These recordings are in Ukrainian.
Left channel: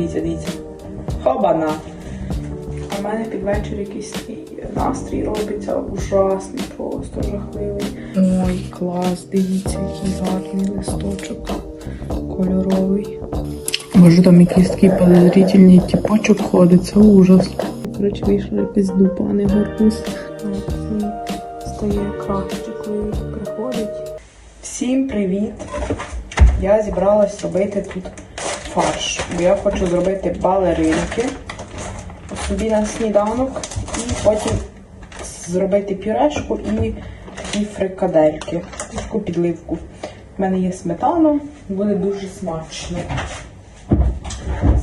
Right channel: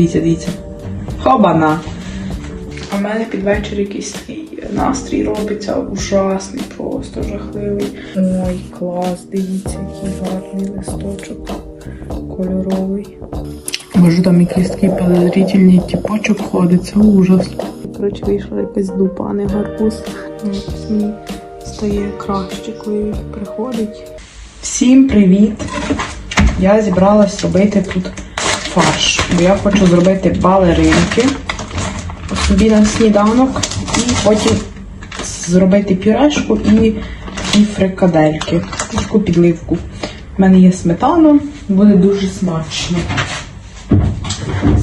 Дивіться, дивіться. Хобана. У мене під вечір якийсь настрій робиться ужасний, просто жахливий. Ой, клас, дивіться, який гарний листочок кольоровий. Може там якийсь такий подозрительний тіпочок ходить, це ужас. Коротше, вийшла якась дупа, а не гарбуз. Стає краще, коли він приходить. Всім привіт! Я зібралась робити тут фарш, бо я хочу зробити балеринки собі на сніданок і потім зробити пюрешку і, і фрикадельки, таку підливку. У мене є сметана, буде дуже смачно.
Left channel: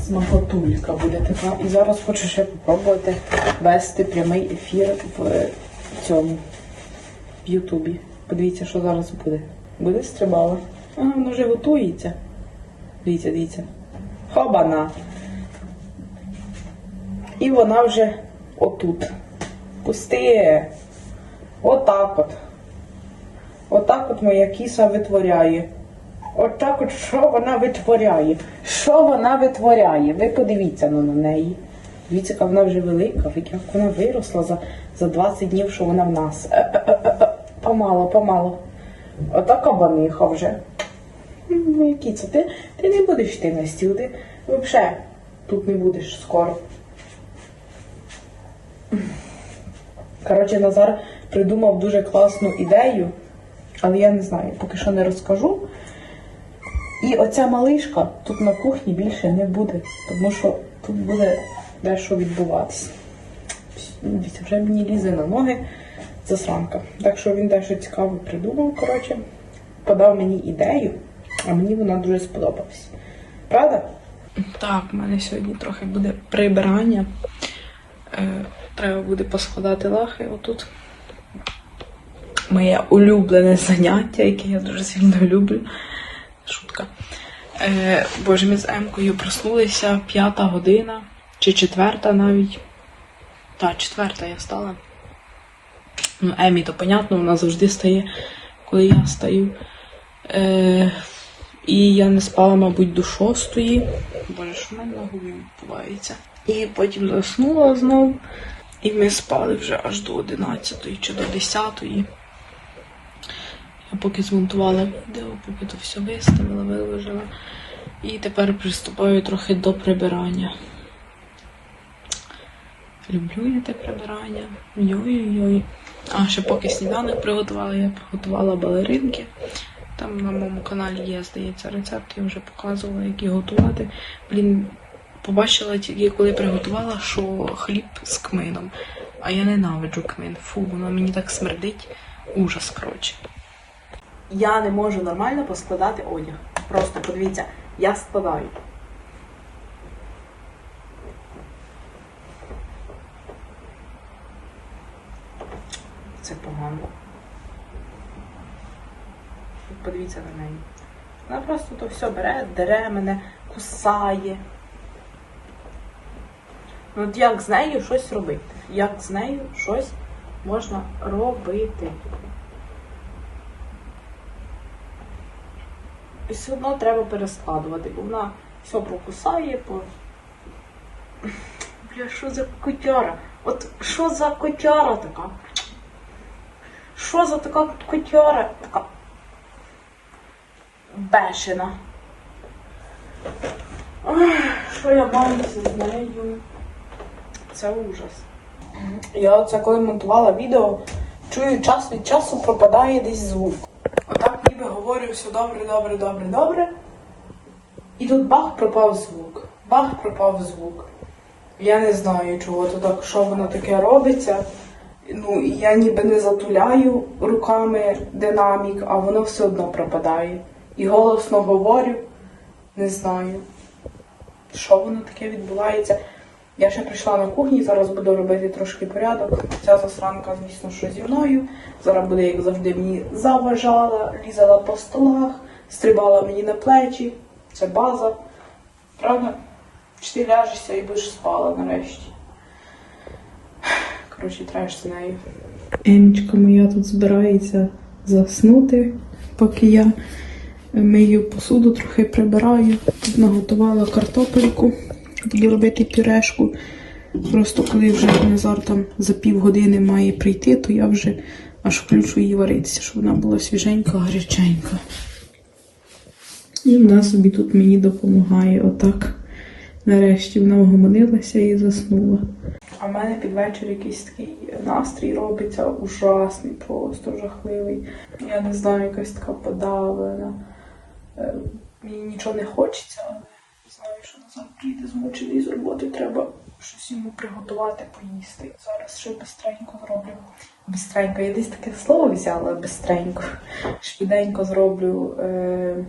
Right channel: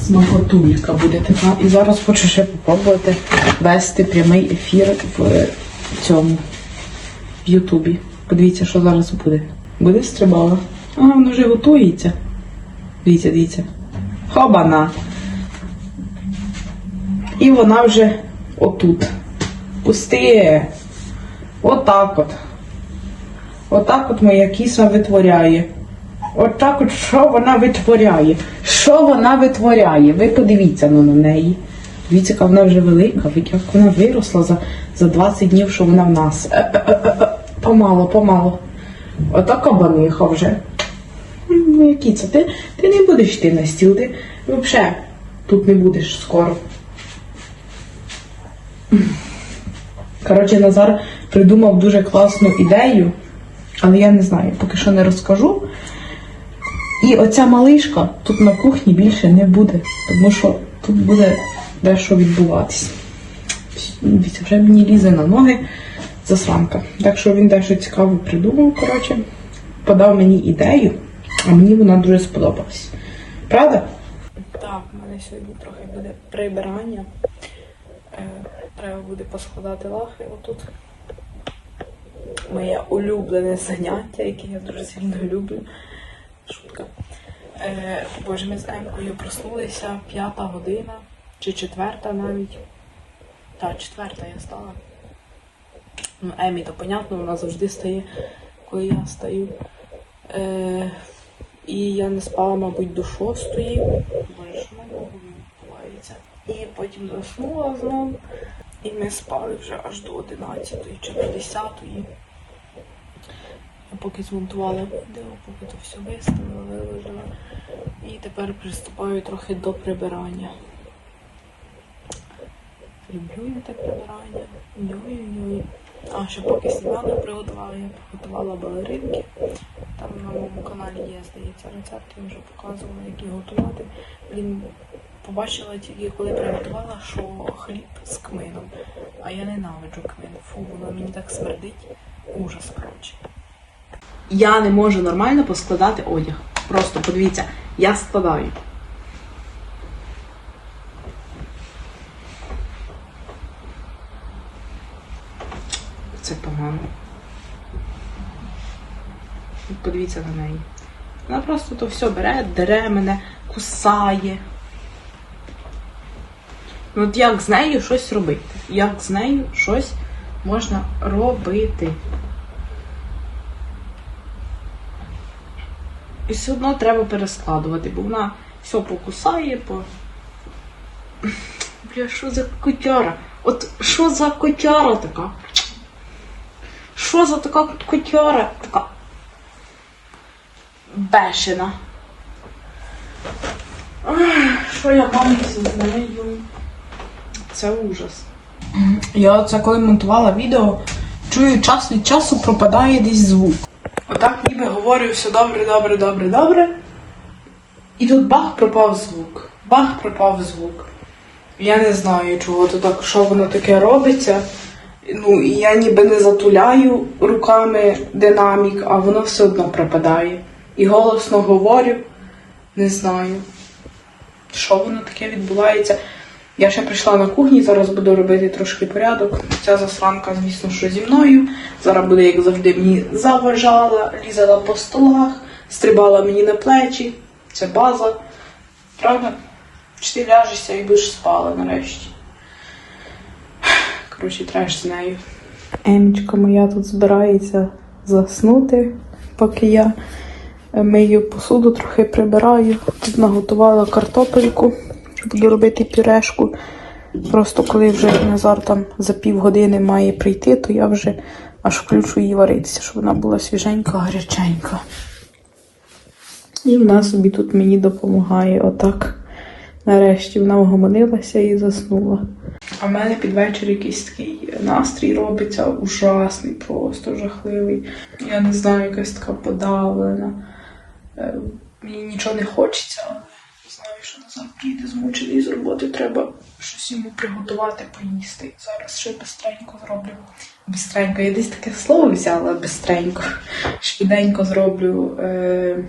Смакотулька буде така. І зараз хочу ще спробувати вести прямий ефір в цьому в Ютубі. Подивіться, що зараз буде. Буде стрибала. Ага, воно вже готується. Дивіться, дивіться. Хобана. І вона вже отут. Пусти. Отак от. Отак от моя кіса витворяє. Отак от що вона витворяє? Що вона витворяє? Ви подивіться ну, на неї. Дивіться, яка вона вже велика, як вона виросла за, за 20 днів, що вона в нас. Е-е-е-е. Помало, помало. Отака баниха вже. Ну, які це? Ти, ти не будеш йти на стіл, ти взагалі тут не будеш скоро. Коротше, Назар придумав дуже класну ідею, але я не знаю, поки що не розкажу. І оця малишка тут на кухні більше не буде, тому що тут буде дещо відбуватись. Вже мені лізе на ноги засранка. Так що він дещо цікаво придумав, коротше, подав мені ідею, а мені вона дуже сподобалась. Правда? Так, в мене сьогодні трохи буде прибирання. Е, Треба буде поскладати лахи отут. Моє улюблене заняття, яке я дуже сильно люблю. Шутка. Е, боже, ми з Емкою проснулися п'ята година чи четверта навіть. Так, четверта я стала. Ну, Емі, то понятно, вона завжди стає, коли я стаю. Е, і я не спала, мабуть, до шостої. Боже, що в мене на голові відбувається. І потім заснула знову. І ми спали вже аж до 11 чи до 10. Я поки змонтувала відео, поки то все виставила, виложила. І тепер приступаю трохи до прибирання. Люблю я те прибирання. Йой-йой. А ще поки сніданок приготувала, я приготувала балеринки. Каналі є, здається, рецепт, я вже показувала, як їх готувати. Блін, побачила тільки, коли приготувала, що хліб з кмином. А я ненавиджу кмин. Фу, воно мені так смердить. Ужас, коротше. Я не можу нормально поскладати одяг. Просто подивіться, я складаю. Це погано. Подивіться на неї. Вона просто то все бере, дере мене, кусає. Ну от як з нею щось робити? Як з нею щось можна робити? І все одно треба перескладувати, бо вона все покусає, по. Бля, що за котяра? От що за котяра така? Що за така котяра така? Бешена. Що я маю з нею? Це ужас. Я це коли монтувала відео, чую час від часу пропадає десь звук. Отак ніби говорю все добре, добре, добре, добре. І тут бах пропав звук. Бах пропав звук. Я не знаю, чого то так, що воно таке робиться. Ну, і я ніби не затуляю руками динамік, а воно все одно пропадає. І голосно говорю, не знаю, що воно таке відбувається. Я ще прийшла на кухні, зараз буду робити трошки порядок. Ця засранка, звісно, що зі мною. Зараз буде, як завжди, мені заважала, лізала по столах, стрибала мені на плечі. Це база. Правда? Чи ти ляжешся і будеш спала нарешті. Коротше, треш з нею. Емічка моя тут збирається заснути, поки я мию посуду, трохи прибираю. Тут наготувала картопельку. Буду робити пюрешку. Просто коли вже Назар там за півгодини має прийти, то я вже аж включу її варитися, щоб вона була свіженька, гаряченька. І вона собі тут мені допомагає. Отак. Нарешті вона вгомонилася і заснула. А в мене під вечір якийсь такий настрій робиться ужасний, просто жахливий. Я не знаю, якась така подавлена. Е, Мені нічого не хочеться, знаю, що Назар приїде змучений з роботи. Треба щось йому приготувати, поїсти. Зараз ще бистренько зроблю. Бистренько, я десь таке слово взяла бистренько. Швиденько зроблю е,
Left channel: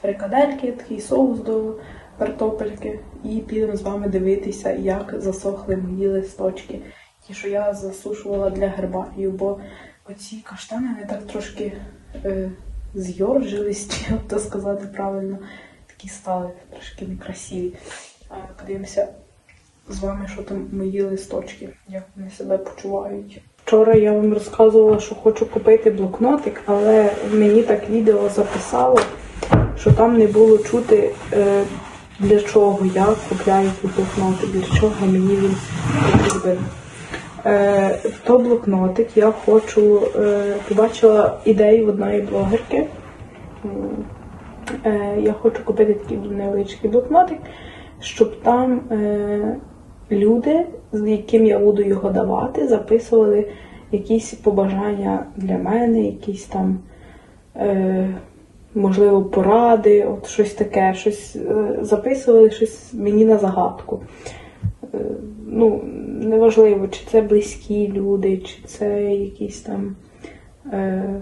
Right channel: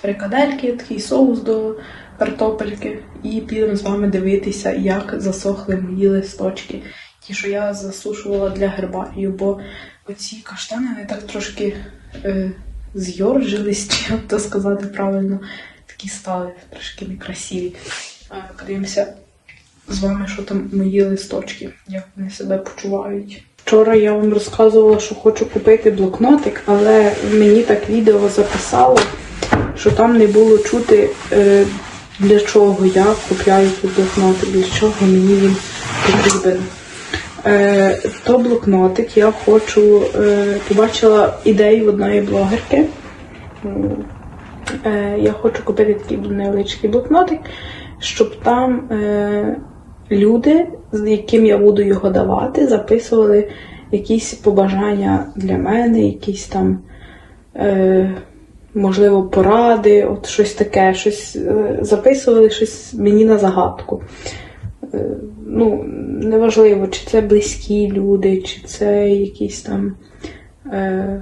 фрикадельки, такий соус до картопельки. І підемо з вами дивитися, як засохли мої листочки. Ті, що я засушувала для гербарію, бо оці каштани вони так трошки е, зйоржились, чи як то сказати правильно, такі стали трошки некрасиві. Подивимося з вами, що там мої листочки, як вони себе почувають. Вчора я вам розказувала, що хочу купити блокнотик, але мені так відео записало, що там не було чути, е, для чого я купляю блокнотик, для чого мені він потрібен. Е, то блокнотик я хочу, е, побачила ідею одної блогерки. Е, я хочу купити такий невеличкий блокнотик, щоб там люди, з яким я буду його давати, записували якісь побажання для мене, якісь там, можливо, поради, от щось таке, щось записували щось мені на загадку. Е, ну, неважливо, чи це близькі люди, чи це якісь там. Е,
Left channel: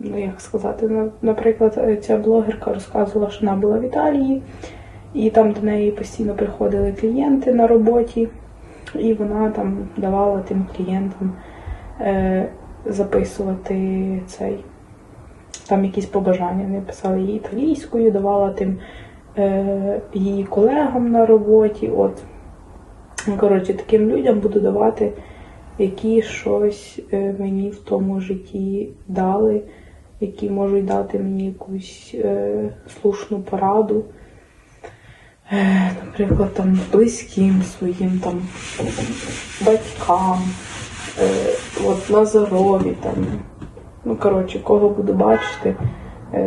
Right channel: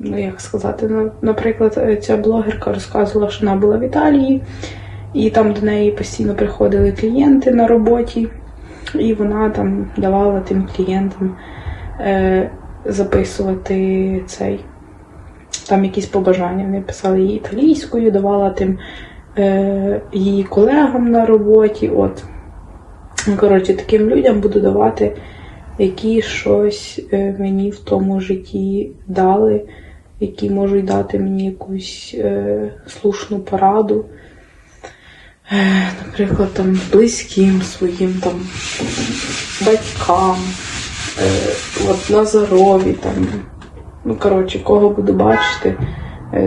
ну як сказати, наприклад, ця блогерка розказувала, що вона була в Італії, і там до неї постійно приходили клієнти на роботі, і вона там давала тим клієнтам е, записувати цей. Там якісь побажання. Вони писали її італійською, давала тим її колегам на роботі. От. Коротше, таким людям буду давати, які щось е, мені в тому житті дали, які можуть дати мені якусь е, слушну пораду. Е, Наприклад, там близьким своїм там батькам, е, от Назарові там. Ну, коротше, кого буду бачити, е,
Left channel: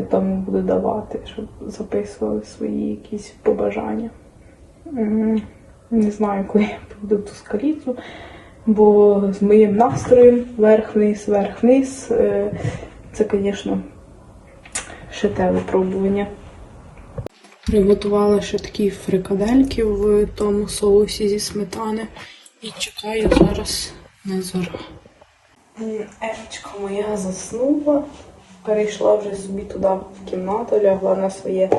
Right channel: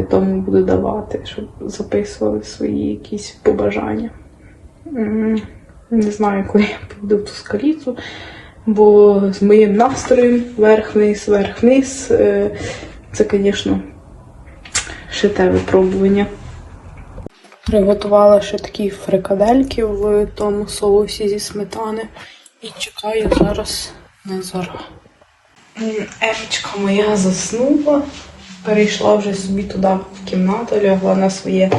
тому буду давати, щоб записували свої якісь побажання. Не знаю, коли я прийду в ту скаліцу, бо з моїм настроєм верх-вниз, верх-вниз, е, це, звісно, ще те випробування. Приготувала ще такі фрикадельки в тому соусі зі сметани і чекаю зараз Назара. Емічка моя заснула, перейшла вже собі туди в кімнату, лягла на своє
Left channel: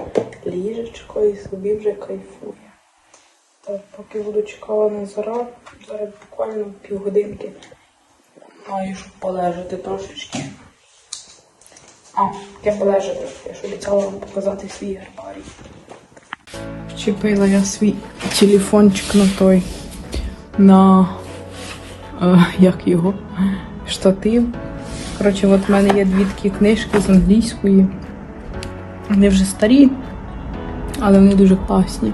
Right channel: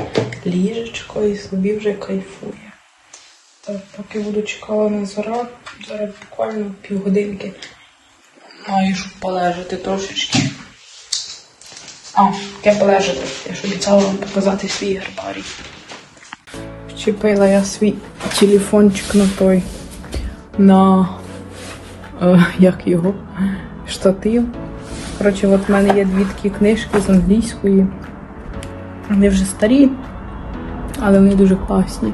ліжечко і собі вже кайфує. Так, поки буду чекала на зара, зараз буквально півгодинки маю щоб полежати трошечки. А, таке полежати. Я ж обіцяла вам показати свій гербарій. Вчепила я свій телефончик на той, на е, як його, штатив. Коротше, от в мене є дві такі книжки з англійської. Вони вже старі, але вони дуже класні.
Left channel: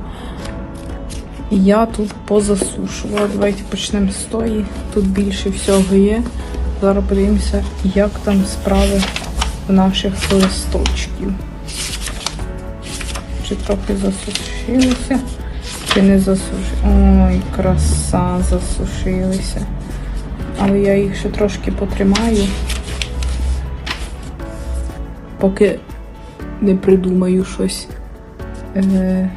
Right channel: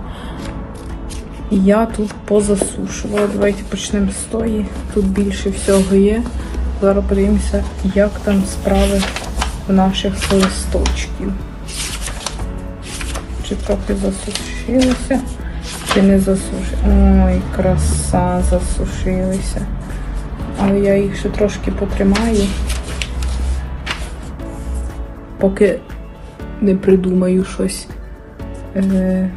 І я тут позасушувала. Давайте почнемо з тої. Тут більше всього є. Зараз подивимося, як там справи в наших листочків. Чи трохи засушилися, чи не засушилися. Ой, краса, засушилися. Але я їх ще трошки потримаю, поки не придумаю щось е,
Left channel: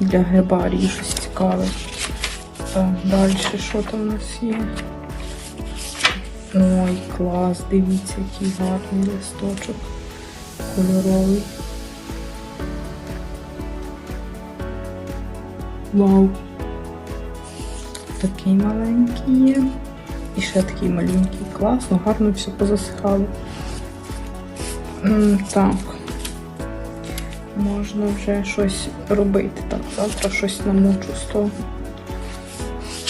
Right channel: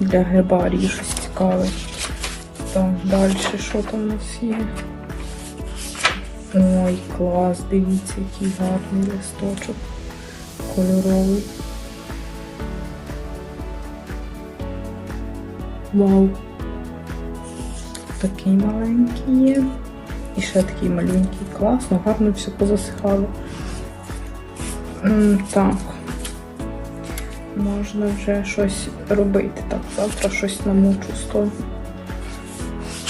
для гербарії, щось цікаве. Так, далі що там у нас є? Ой, клас, дивіться, який гарний листочок кольоровий. Вау! Такий маленький є. І ще такий маленький. Класно, гарно все позасихало. Так. Можна вже щось робити. Так, завтра щось намочу з того.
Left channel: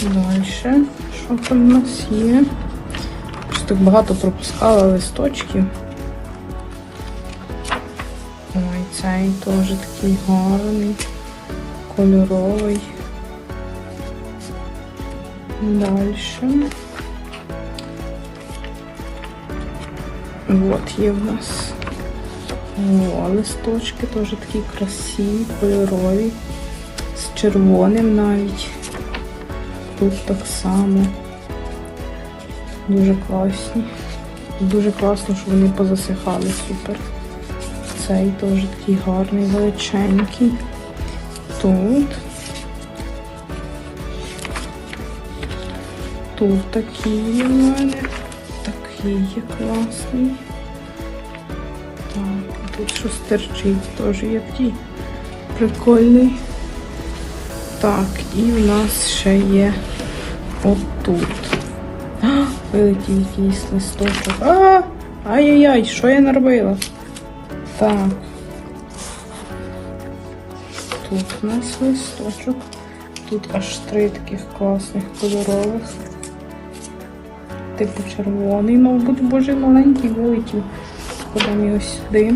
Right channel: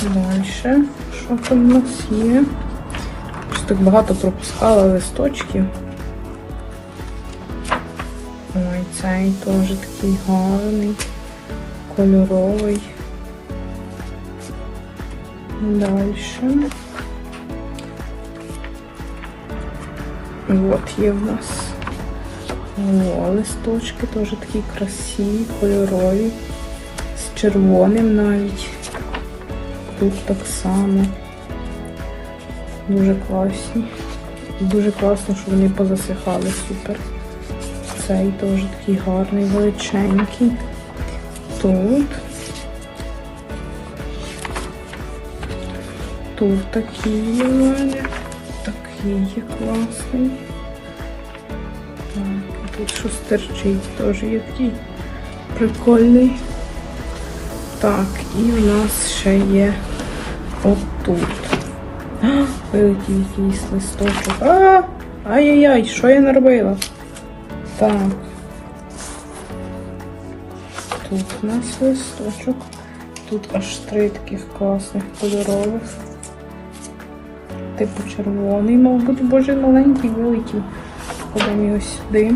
Далі. Що там у нас є? Щось так багато пропускала листочків. Ой, цей теж такий гарний, кольоровий. Дальше. Вот є в нас. О, листочки теж такі красиві, кольорові. З червоним навіть. Тут так само. Дуже класні. Дуже класно, що вони позасихали супер. Цей теж такий гарний, величенький. Тут. Тут такий в мене. Такий класний. Тут щось терчить, теж є такий прикольний. Так, і в нас ще є отут. Вилетів якийсь листочок. А! Ай-яй-яй, що я наробила? Так. Тут у нас листочок. Тут аж три таких класних кольорових. Типу червоний, мабуть, боже, маленький вилетів. Кладемо його сюди.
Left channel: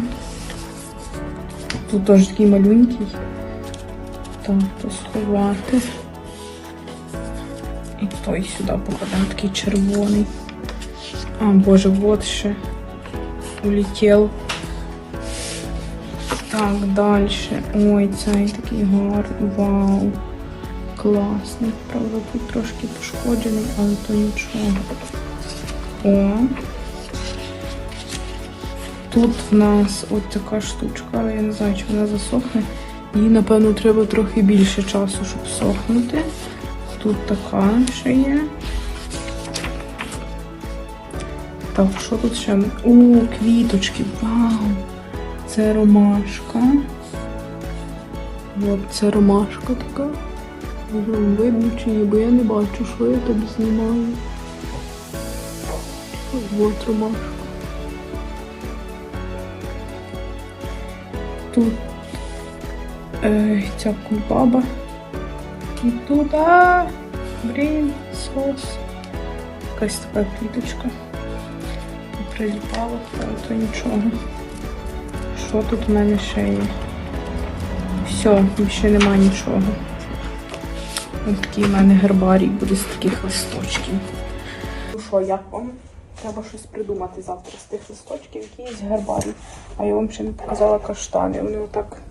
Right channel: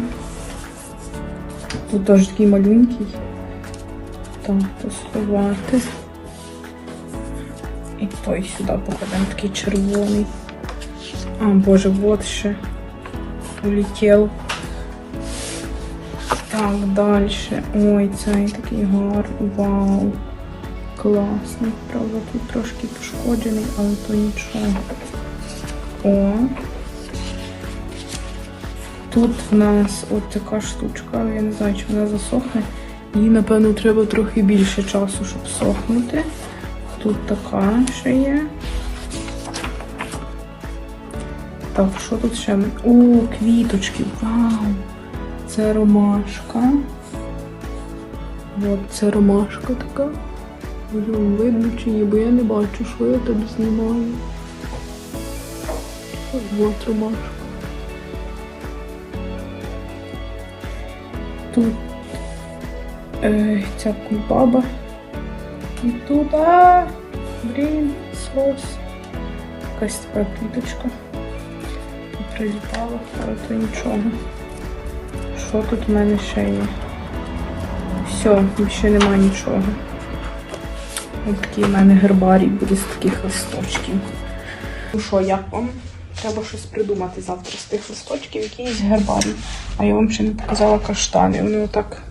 Тут теж такий малюнький. Так, то. І той сюди покладемо такий червоний. А, боже, вот ще улетів. Так, далі. Ой, цей такий гарний. Вау. Класний. Правда, тут трошки пошкоджений, але то нічого. О. Тут в нас от така штучка, я не знаю, чи вона засохне. Їй, напевно, треба трохи більше часу, щоб сохнути. Тут така ще є. Так, що тут ще? О, квіточки, вау! Це ромашка. От це ромашка така. Видно чи ні, бо я не бачу, що я тут знімаю. От ромашка. Тут е, ця кульбаба. І тут, а, блін, сос. Якась така квіточка. Прилітала, але то нічого. Що тут в мене ще є? Все, більше немає нічого. Ось такий в мене гербарій буде з таких листочків. Ну що, як вам? Треба щось придумати завтра з тих листочків, якийсь гербарій. А я вам ще не показала каштани. Вони отак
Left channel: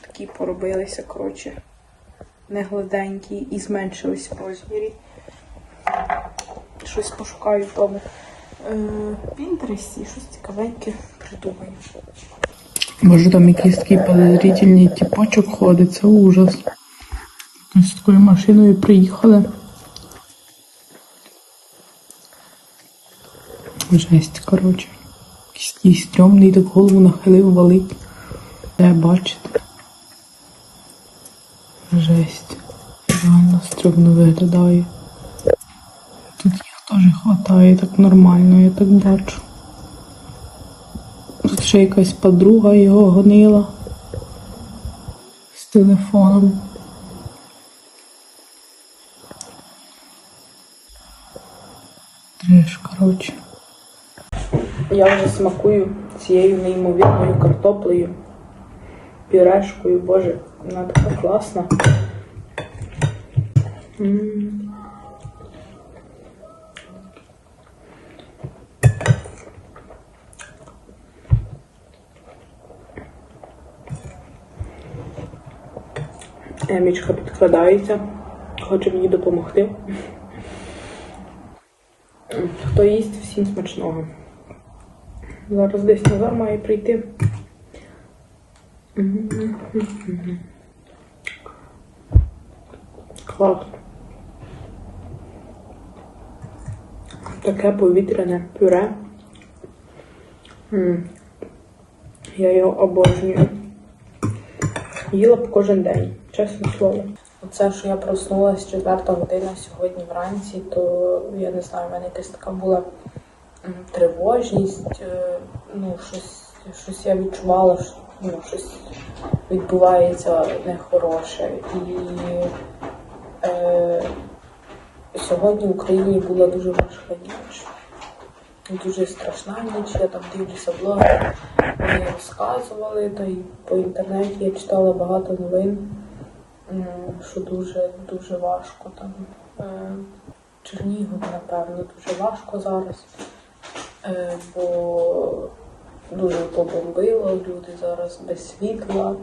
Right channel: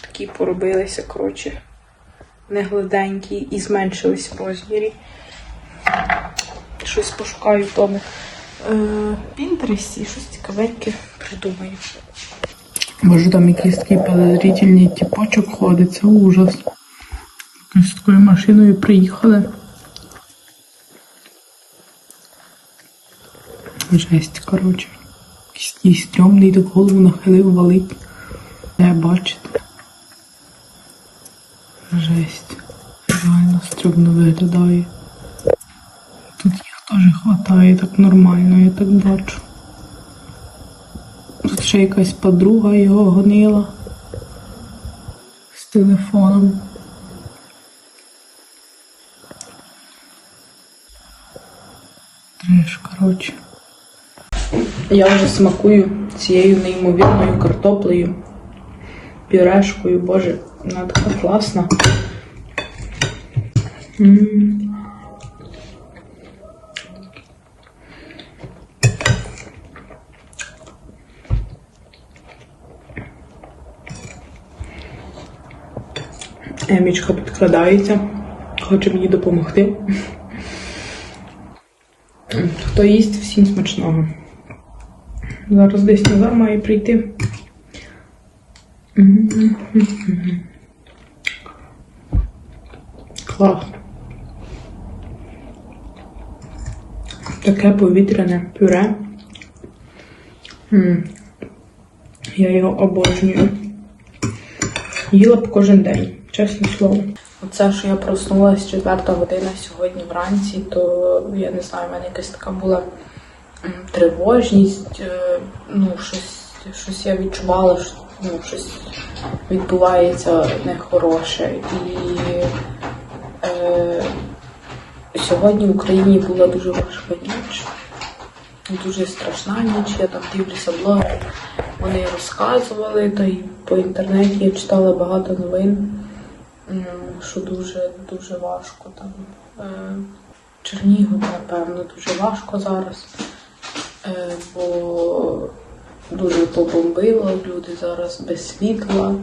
такі поробилися, коротше, не і зменшилися в розмірі. Щось пошукаю в тому е, Пінтересті і щось цікавеньке придумаю. Може там якийсь такий подозрительний тіпочок ходить, це ужас. З такою машиною приїхали. Жесть, коротше. Такий стрьомний, так голову нахилив, валить. Не бачите. Жесть. Реально стрьомно виглядає. Тут їх теж хватає так нормально, я так бачу. Тут ще якась подруга його гонила з телефоном. Треш, коротше. Я вже смакую цією неймовірною картоплею, пюрешкою, боже, вона така класна. Емічка підкрадається, хоче мені допомогти. Хто їсть, всім смачного. Зараз десь Назар має прийти. Клас. Таке повітряне пюре. Я його обожнюю. Їла б кожен день, чесне слово. Оце, що я проснулася 4 година сьогодні вранці, то я не знаю, в мене якась така була тривожність, е, ну, щось, щось я відчувала, що ну, щось відбувається нехороше. І е, сьогодні в Україні була дуже важка ніч. Дуже страшна ніч, я там дивлюся блоги. вони розказували, та й по інтернеті я читала багато новин, що дуже дуже важко там. Е, Чернігов, напевно, дуже важко зараз, бо дуже побомбило, люди зараз без світла.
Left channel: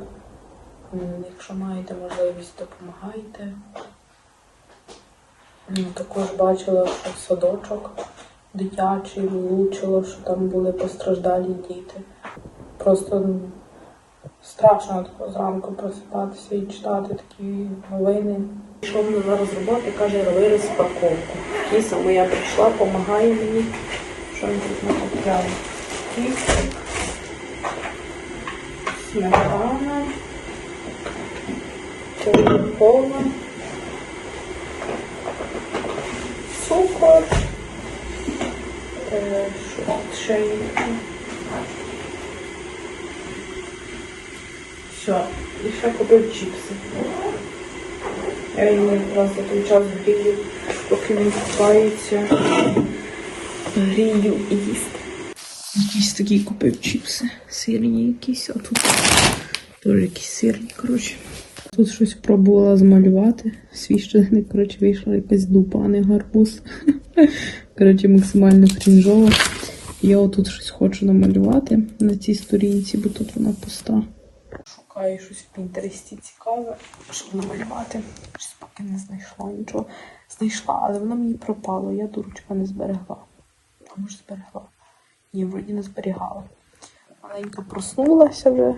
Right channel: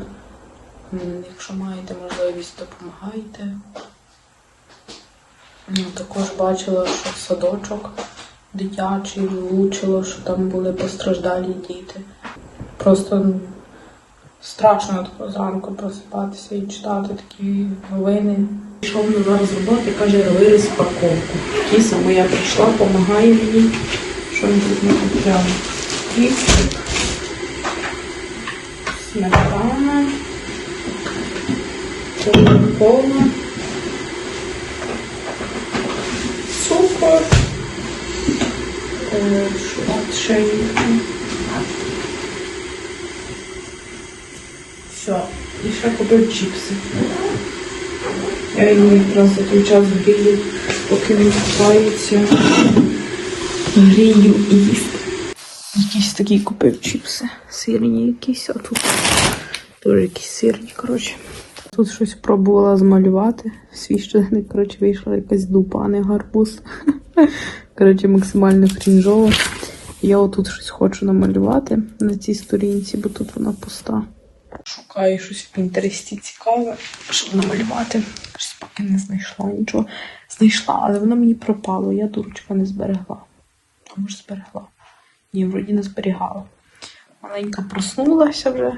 Якщо маєте можливість, допомагайте. Ну, також бачила, що садочок дитячий влучило, що там були постраждалі діти. Просто страшно зранку просипатися і читати такі новини. Пішов на зараз з роботи, каже, роби розпаковку. Кіса моя прийшла, допомагає мені, що він тут не купляла. І сметана, кола, цукор, є? Все, і ще купив чіпси. Я їм якраз за той час грію, поки не купаються. Грію і їсти. Якісь такі купив чіпси. Сирні якісь, а тут теж якісь сирні, коротше. Тут щось пробувала змалювати. Свіщений, коротше, вийшла якась дупа, а не гарбуз. Коротше, максимально крінжово. Я отут щось хочу намалювати на цій сторінці, бо тут вона пуста. Шукаю щось в Пінтересті цікаве, щоб намалювати. Щось поки не знайшла нічого. Знайшла, але воно мені пропало. Я дурочка не зберегла. А може зберегла? Ні, вроді не зберігала. Маленька проснулася вже.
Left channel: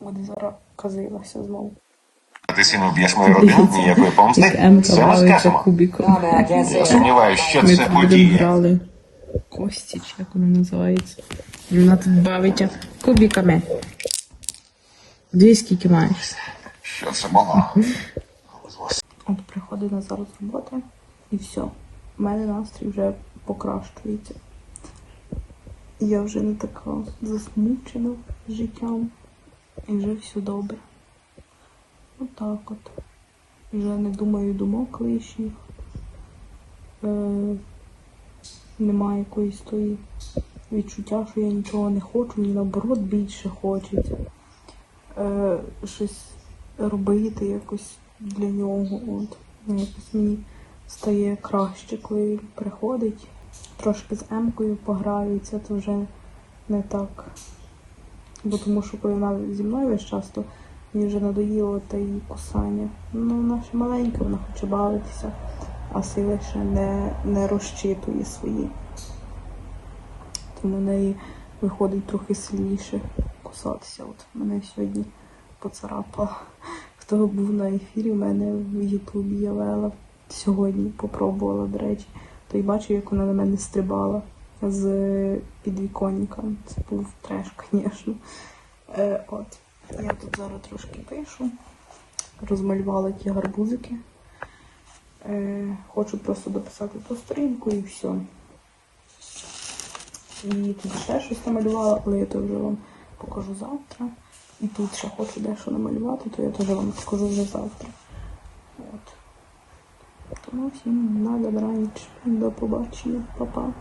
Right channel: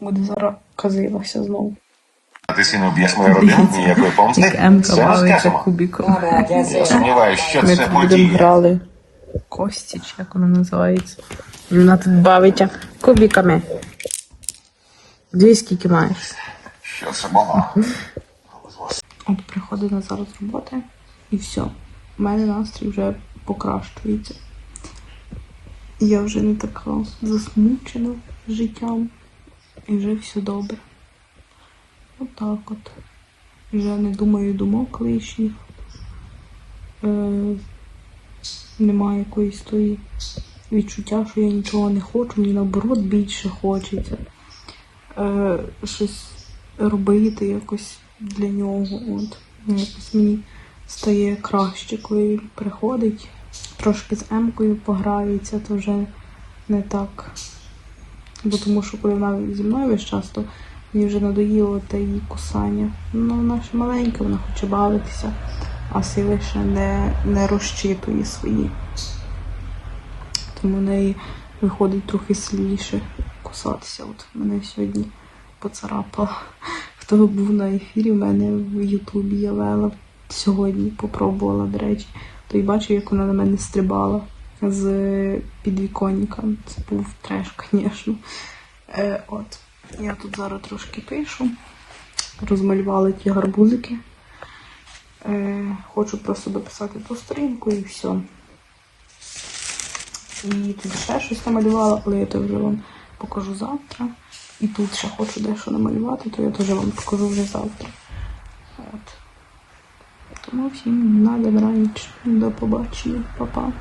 Буде зараз казилася знову. Ти сильно б'єш мою родину, ніякої помсти. Це ми скажемо. Я сумніваюся, що Ми це тут будемо подія. грали кості, чи як воно називається. Вона тут бавиться кубиками. Дві скільки маєш? Що це було? От приходить на зараз з роботи і все. У мене настрій вже покращується. Я вже не така засмучена життям. І вже все добре. Отак от. Вже не думаю думок лишніх. Е, немає якоїсь тої відчуття, що я нічого не хочу, мені наоборот більше хочеться. Е, щось робити якось для нього. От. Якось мені стає краще, коли він приходить, трошки з Емкою пограється, то вже не так. Бо тому що коли вона зі мною весь час, то мені вже надоїло те її кусання. Ну, вона ще маленька, вона хоче бавитися, а сили ще не, не розчитує свої. Тому в неї виходить трохи сильніше кусатися. От мене сьогодні поцарапало. Хто був на ефірі, в мене в Ютубі я вела сьогодні, попробувала, до речі, то й бачив, як вона на мене стрибала з підвіконника. Це був треш, звісно. Е, от, я тут зараз трошки пишу. Розмалювала ті гарбузики. Е, хочу просто дописати ту сторінку і все. І тут ще щось намалювала, але я то вже вам покажу завтра. І тут ще хочу дещо намалювати, то я теж вам покажу вже завтра. От. Тому всім на добраніч. До побачення, Па-па.